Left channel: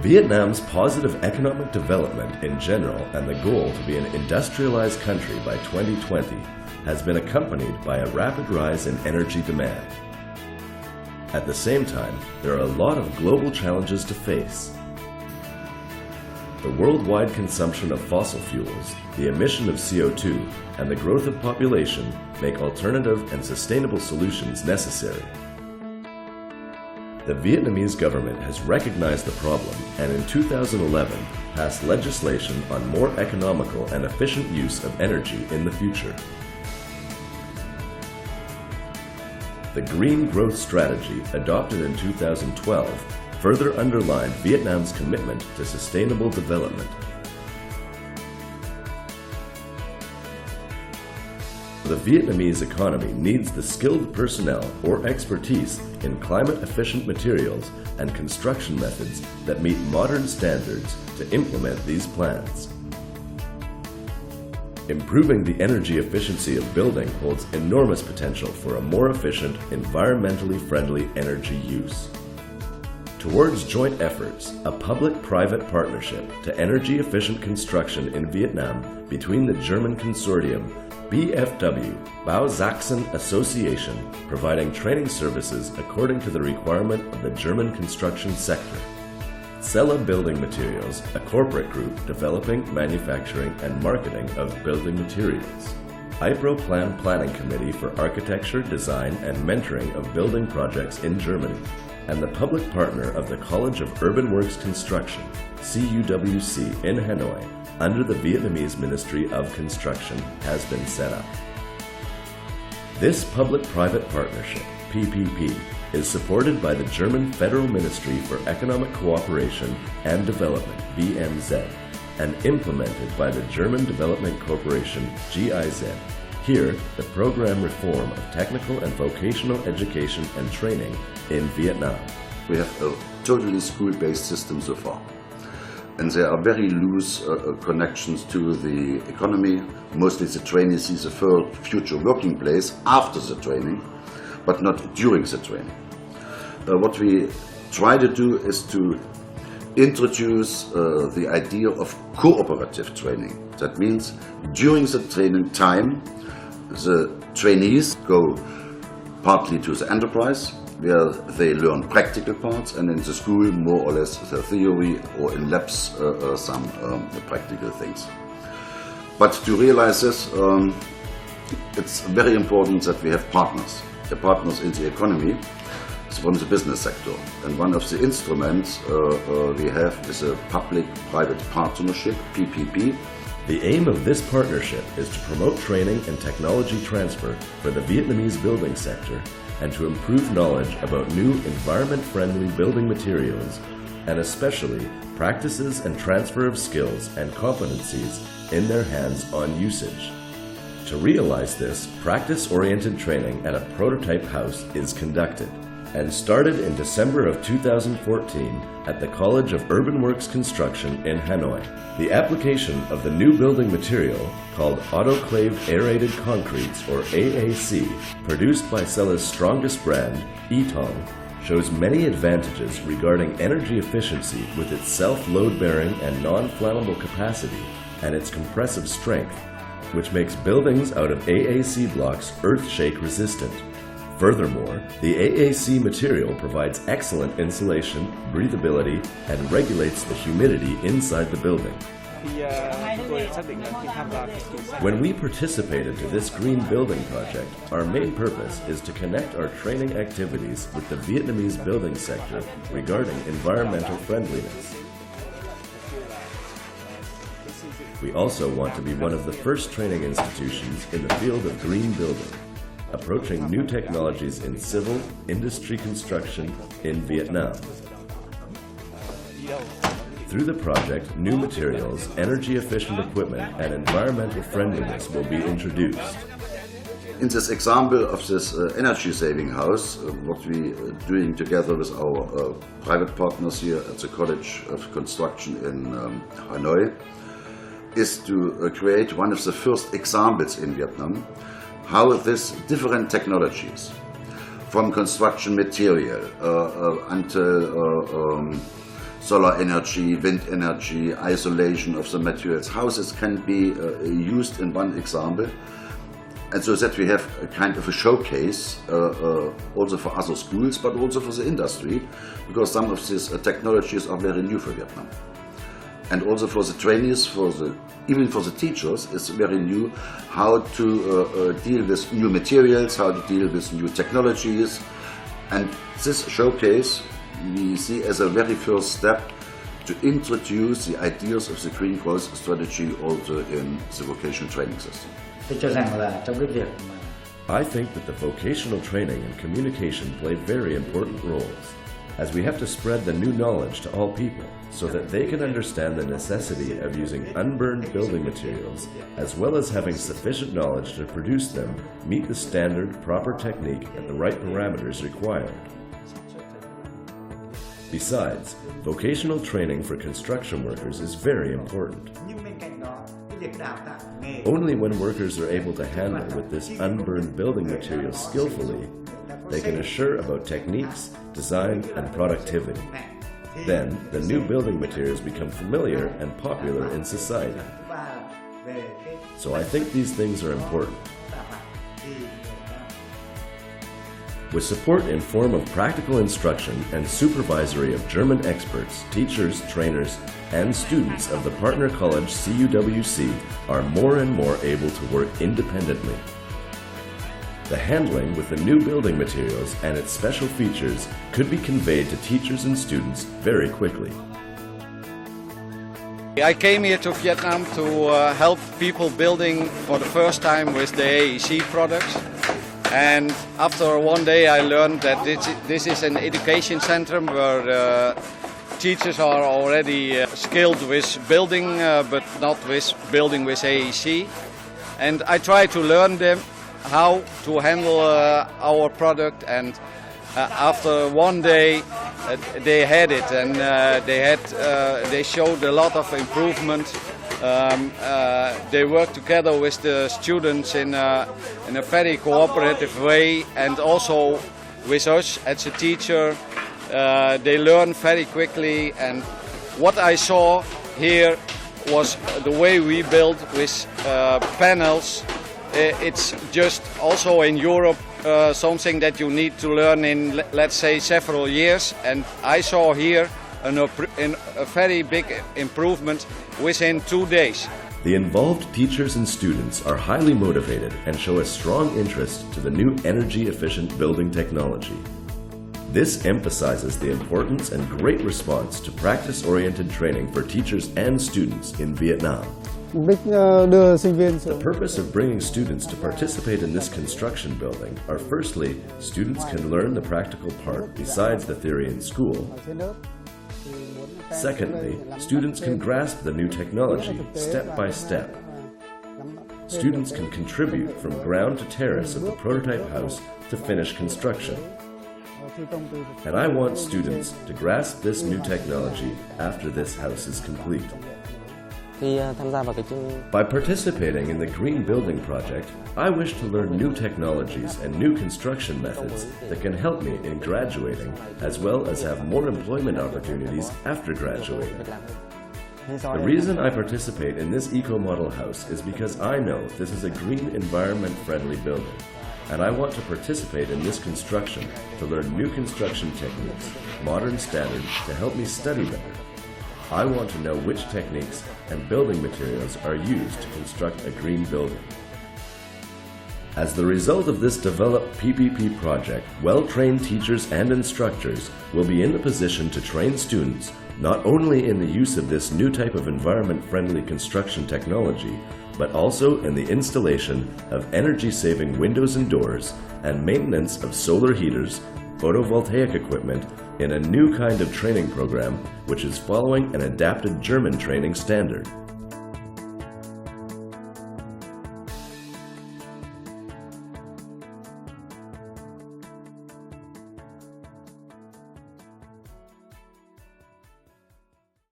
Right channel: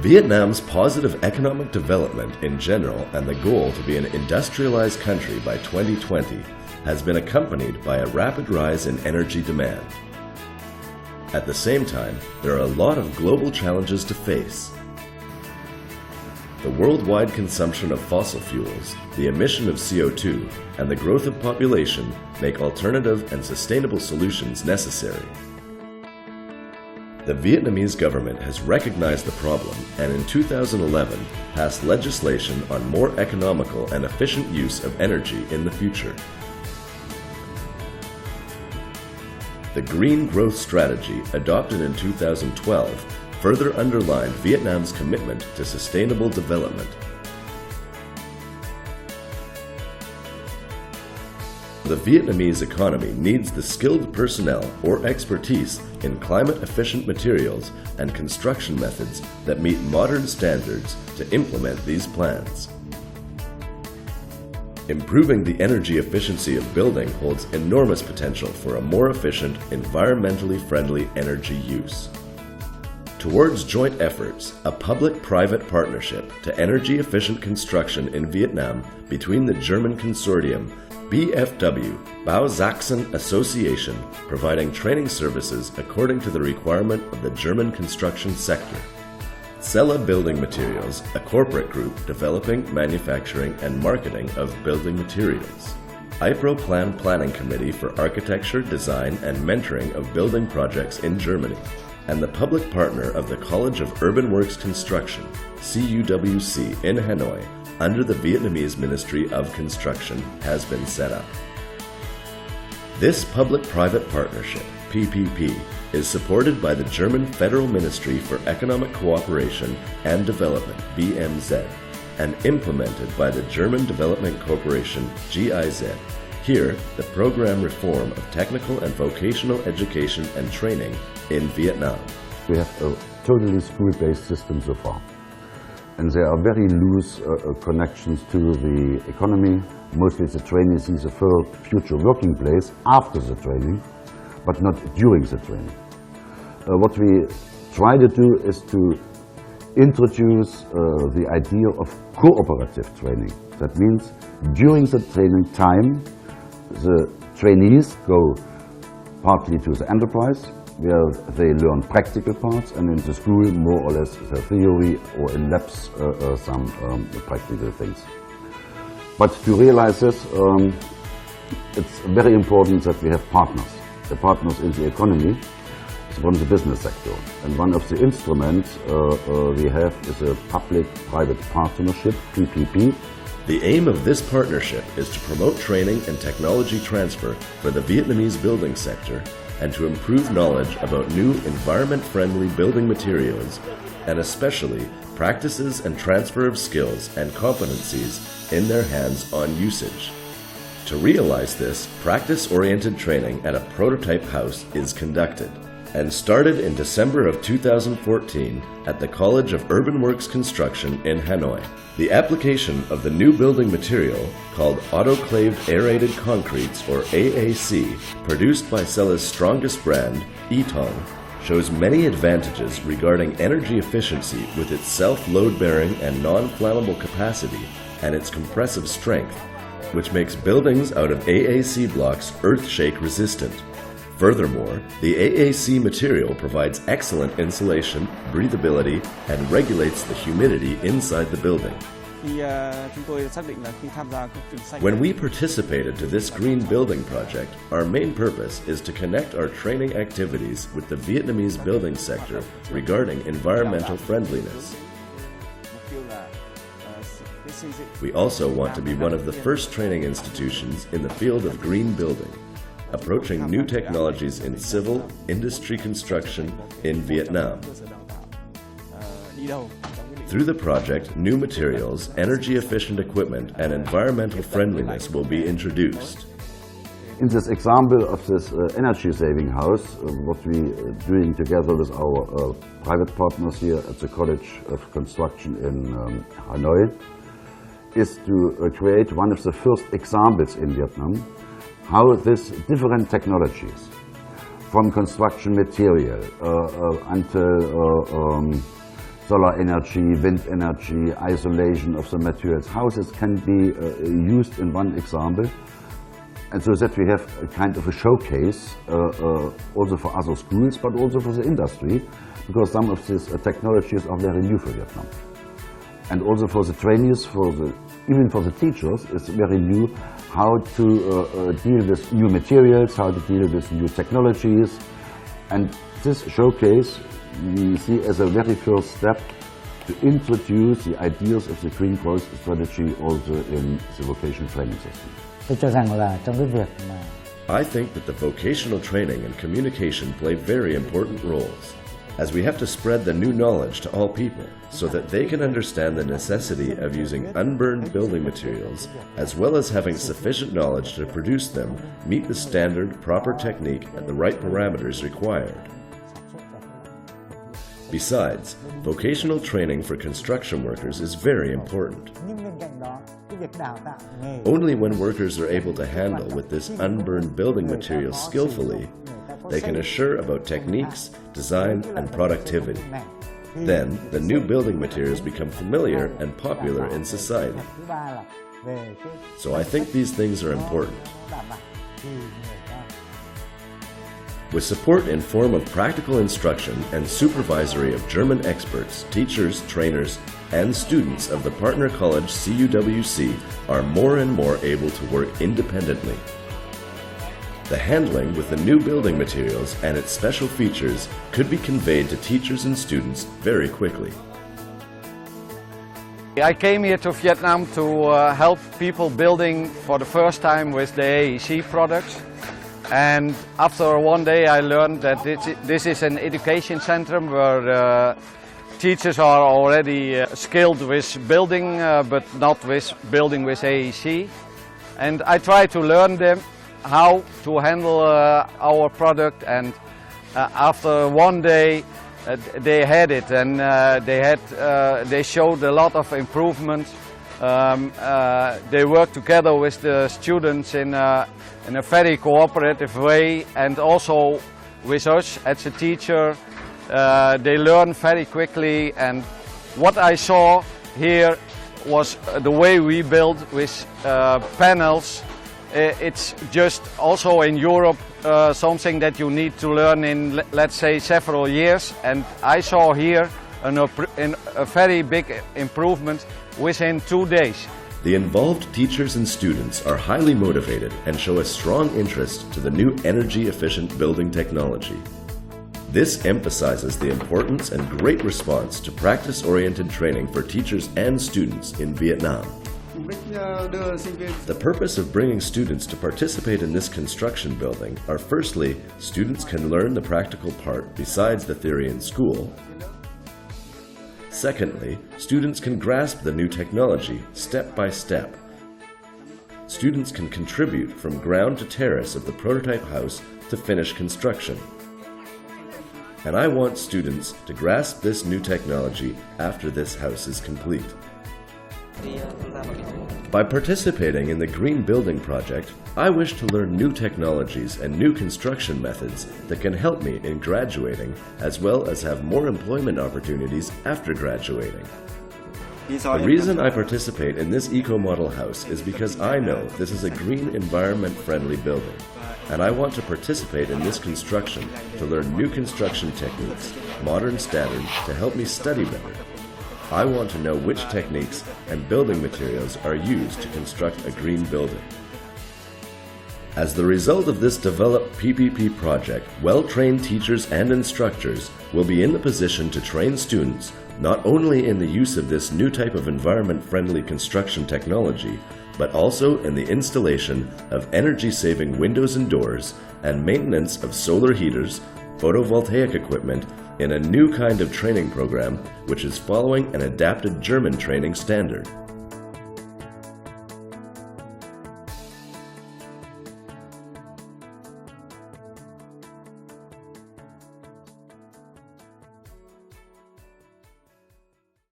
Vietnam's positive economic development in general and the goal to be an industrialized country by 2020 has been accompanied by a rapid rise in energy demand. At the same time, there are a lot of global challenges to face. The worldwide consumption of fossil fuels, the emission of CO2, and the growth of population make alternative and sustainable solutions necessary. The Vietnamese government has recognized the problem and in 2011 passed legislation on more economical and efficient use of energy in the future. The Green Growth Strategy, adopted in 2012, further underlined Vietnam's commitment to sustainable development. The Vietnamese economy needs the skilled personnel or expertise in climate-efficient materials and construction methods that meet modern standards to implement these plans. Improving the energy efficiency of building holds enormous potential for a more efficient, environmentally friendly energy use. Towards joint efforts, a public-private partnership to energy-efficient construction in Vietnam between the German consortium BFW, Bao Sachsen Association, providing training services according to the requirement of the German construction sector. Sella Building Materials, a corporate group developing, manufacturing, and marketing of building materials. IPRO Planning Committee for Architecture, Design, and Mentoring of Building Projects in Germany, and the public partner of the College of Urban Works Construction, CUWC, in Hanoi, under the Vietnamese Ministry of Construction, has been set up. This public-private partnership, PPP, is supported by the German Federal Ministry for Economic Cooperation and Development, BMZ, and implemented by the German Development Corporation, GIZ. Here, the program reform of technical and vocational education and training in Vietnam. We have a totally school-based system so far. And there are very loose connections to the economy. Mostly the trainee sees a future working place after the training, but not during the training. What we try to do is to introduce the idea of cooperative training. That means during the training time, the trainees go partly to the enterprise, where they learn practical parts, and in the school more or less the theory, or in labs some practical things. But to realize this, it's very important that we have partners. The partners in the economy is one of the business sector, and one of the instruments we have is a public-private partnership, PPP. The aim of this partnership is to promote training and technology transfer for the Vietnamese building sector and to improve knowledge about new environment-friendly building materials, and especially practices and transfer of skills and competencies in their hands-on usage. To realize this, practice-oriented training at a prototype house is conducted and started in December of 2014 at the College of Urban Works Construction in Hanoi. The application of the new building material, called autoclaved aerated concretes, or AAC, produced by Sella's strongest brand, Tông, shows many advantages regarding energy efficiency with its self-load-bearing and non-flammable capacity and its compressive strength, which makes buildings out of AAC blocks earth-shake resistant. Furthermore, the AAC material provides excellent insulation, breathability, and regulates the humidity inside the building. When we participated to this green building project, our main purpose is to connect our training activities with the Vietnamese building sector regarding environmental friendliness. We also want to be one of the first training institutions in the field of green building, approaching new technologies in civil, industry construction in Vietnam. Through the project, new materials, energy-efficient equipment, and environmental friendliness will be introduced. In this example of this energy-saving house, what we are doing together with our private partners here at the College of Construction in Hanoi, is to create one of the first examples in Vietnam how these different technologies, from construction material until solar energy, wind energy, isolation of the materials, how this can be used in one example. And so that we have a kind of a showcase also for other schools, but also for the industry, because some of these technologies are very new for Vietnam. And also for the trainees, even for the teachers, it's very new how to deal with new materials, how to deal with new technologies. And this showcase we see as a very first step to introduce the ideas of the Green Growth Strategy also in the vocational training system. Tôi cho rằng là trong cái việc mà I think that the vocational training and communication play very important roles, as we have to spread the new knowledge to all people so that they can understand the necessity of using unburned building materials, as well as having sufficient knowledge to produce them, meet the standard, proper technique, and the right parameters required. Besides, vocational training for construction workers is very important. nhưng bên cạnh đó cái việc đào tạo nghề Only when workers are able to handle with this unburned building material skillfully, they can assure about techniques, design, and productivity. Then, the new building materials become familiar and popular in society. thứ ba là về cái So I think these things are important. đảm bảo thì người ta With support in form of practical instruction and supervisory of German experts, teachers, trainers, and students of the partner college CUWC are more and more able to work independently. The handling with the new building materials and its special features could be conveyed to teachers and students very quickly. I came here to Vietnam to help people building for the first time with the AEC products. And after one day I learned that this is an education center where teachers are already skilled with building, but not with building with AEC. And I try to learn them how to handle our product, and after one day they had it, and they showed a lot of improvement. They work together with the students in a very cooperative way, and also with us as a teacher. They learn very quickly, and what I saw here was the way we build with panels. It's just also in Europe something that you need to learn in, let's say, several years, and I saw here a very big improvement within 2 days. The involved teachers and students are highly motivated and show a strong interest to the new energy-efficient building technology. This emphasizes the importance and great response to practice-oriented training for teachers and students in Vietnam. Mục đích đưa sinh viên The purpose of bringing students to participate in this construction building are, firstly, students can learn the practical part besides the theory in school. Secondly, students can grasp the new technology step by step. Students can contribute from ground to terrace of the prototype house to finish construction. And I want students to grasp this new technology after this house is complete. By participating in the Green Building Project, I wish to learn new technologies and new construction methods that can help me in graduating, as well as have more employment opportunities after graduating. The reason I participate in this eco-model house is because I know this is a green, environment-friendly building, and I want to participate in this construction to learn new construction techniques, modern standards to help me study better. I want to know which techniques and building materials are used to construct a green building. As the result of this developed PPP project, well-trained teachers and instructors will be in the position to train students not only in the use of this new type of environment-friendly construction technology, but also in the installation of energy-saving windows and doors and maintenance of solar heaters, photovoltaic equipment, in a new kind of training program which is following an adapted German training standard.